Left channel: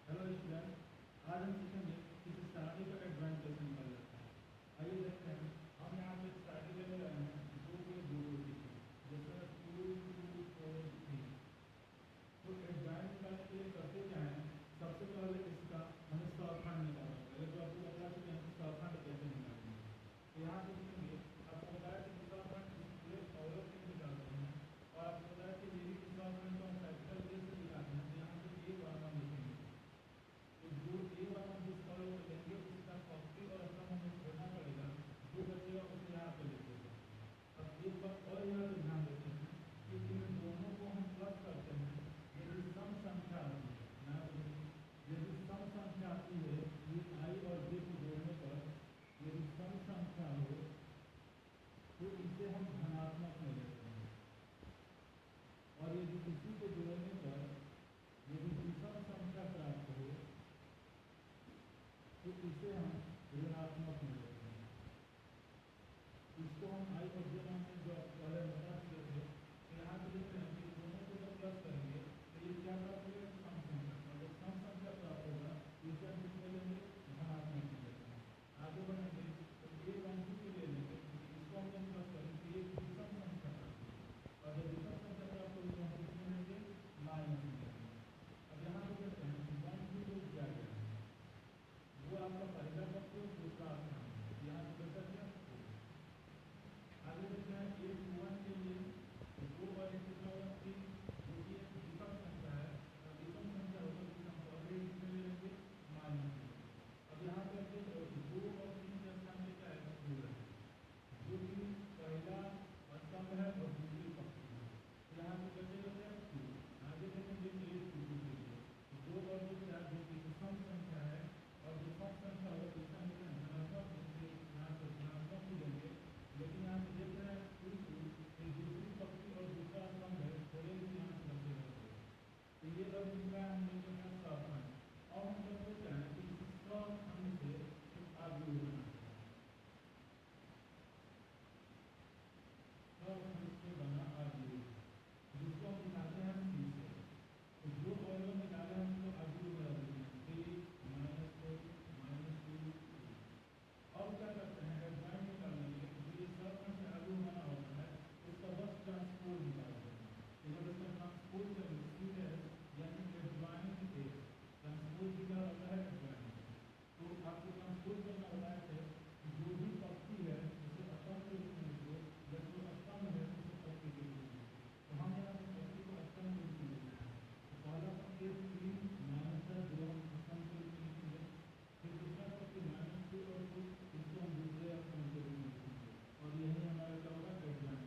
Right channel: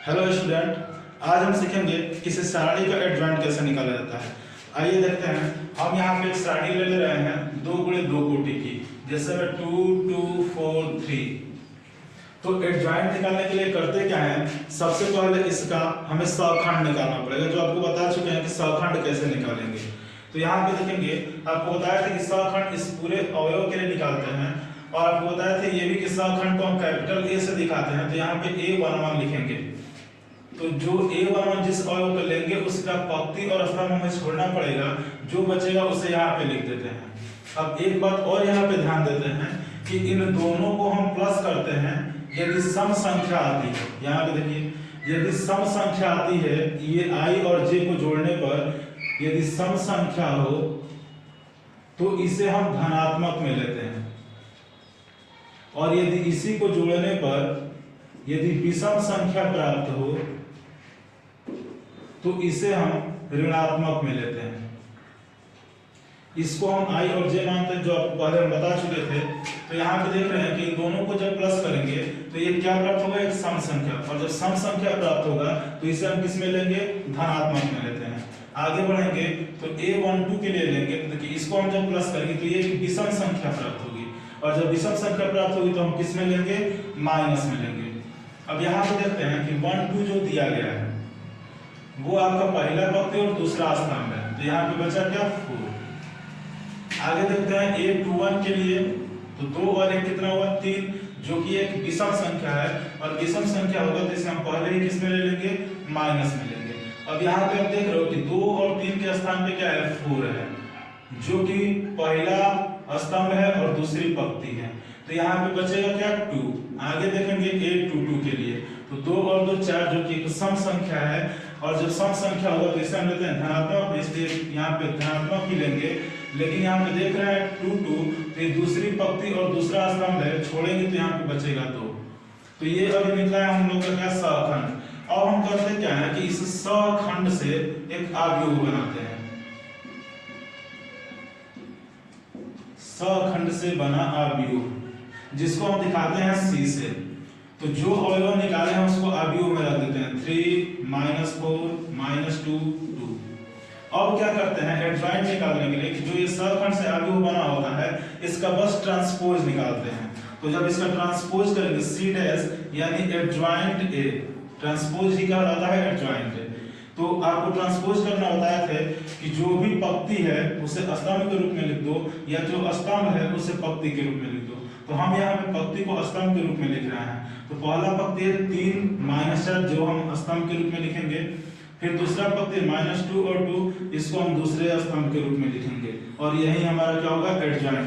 Hello student, आज हम सीखेंगे किसी सारणी का एडजॉइंट कैसे निकाला जाता है। आइए देखते हैं। हम यहाँ पे एक सारणी ले रहे हैं 2 × 2 कोटि की, जैसे में 2 2 4 3। तो एडजॉइंट निकालने के लिए करते क्या है, सबसे पहले इसका हमें सहखंड निकालना पड़ेगा, जो आपको बता चुके हैं कि सहखंड कैसे निकालेंगे। तो यहाँ पे देखेंगे, आपको बताया था कि सहखंड इस पूरे अवयव के लिए निकालते हैं, और आपको बताया था ये भी कि सहखंड को हम कैपिटल ए से दिखाते हैं। तो यहाँ पे A11 लिखेंगे। तो जो A11 जिस अवयव को लेंगे उसका पंक्ति और स्तंभ हमें छोड़ना पड़ेगा, जो बचेगा उसे यहाँ पे लिख देते हैं। अब एक बात और यहाँ पे ध्यान देते हैं कि इन दोनों को हम प्लस करते हैं यदि सम संख्या आती है। यहाँ पे देखिए, यदि सम संख्या आती है, ये I और J को जोड़ने पर यदि सम संख्या हो तो इसे हम धनात्मक में लेते हैं, और यदि इसी को जोड़ने पर यदि विषम संख्या प्राप्त हो तो इसे हम ऋणात्मक में लेते हैं। इसको हम I और J मानते हैं, जो आपको पहले हम बता चुके थे। तो यहाँ पे देख रहे हैं कि इन दोनों को जब प्लस करेंगे तो ये क्या प्राप्त होगा, एक सम संख्या, और जब सम संख्या प्राप्त होगा तो इसे हम किस में लेंगे, धनात्मक में लेते हैं। आगे बढ़ेंगे तो A12 के लिए लेंगे, तो देखिए इसको हम जब प्लस करेंगे तो ये विषम संख्या प्राप्त होगी, और जब विषम संख्या प्राप्त होगी तो हम किस में लेंगे, माइनस में लेंगे। अब यहाँ पे देखते हैं कि 1 2 जो दिया गया है वो आपका पहला पंक्ति और दूसरा स्तंभ है, तो यहाँ पे बचा क्या, 4। आगे देखते हैं A21 के लिए, तो 2 और 1 कितना हुआ, 3, जो कि एक विषम संख्या है, और विषम संख्या होगा तो इसे हम पहले ही किस में ले लेंगे, माइनस में लेंगे। अब यहाँ पे आप देख रहे हो कि 2 और 3 के स्थान पे क्या है, 4 है, जो कि पहला स्तंभ है और दूसरी पंक्ति है। तो यहाँ पे बचेगा क्या, 2। आगे देखेंगे A22 के लिए, तो 2 और 2 4, जो कि सम संख्या है, और जब सम संख्या होगा तो इसे हम लेते हैं धनात्मक, इसलिए यहाँ पे धनात्मक ही लेंगे। लेकिन यहाँ पे देख रहे हैं 2 2, तो ये दूसरी पंक्ति और दूसरा स्तंभ है, छोड़ेंगे तो यहाँ पे बचेगा 2। तो ये अब निकला है हम लोग का क्या, सहखंड। अब हम करते क्या है कि इस सहखंड से एक अवयव बनाते हैं। सहखंड से बना अवयव, जिसको हम दिखाते हैं C से। तो जो अवयव निकाले हैं उसको अवयव में रख देते हैं, 3 -4 -2 2। अब क्या करते हैं, एडजॉइंट निकालने के लिए कि जो ये सहखंड से अवयव बना होता है इसका बस ट्रांसपोज निकालते हैं। तो जब इसका ट्रांसपोज करेंगे C' यानी एडजॉइंट A, ट्रांसपोज ही क्या रहता है, एडजॉइंट A। तो आपको ट्रांसपोज करना बताया थे कि जो भी पंक्ति है उसे स्तंभ के रूप में लिख दो, या जो स्तंभ है उसे पंक्ति के रूप में लिख दो। तो हम यहाँ पे पंक्ति को स्तंभ के रूप में लिख रहे हैं। तो पहला पंक्ति है 3 -4, जो हम स्तंभ के रूप में लिखेंगे। फिर दूसरा पंक्ति -2 और 2, इसको हम दूसरे स्तंभ के रूप में लिखेंगे, और यही हमारा क्या होगा, एडजॉइंट।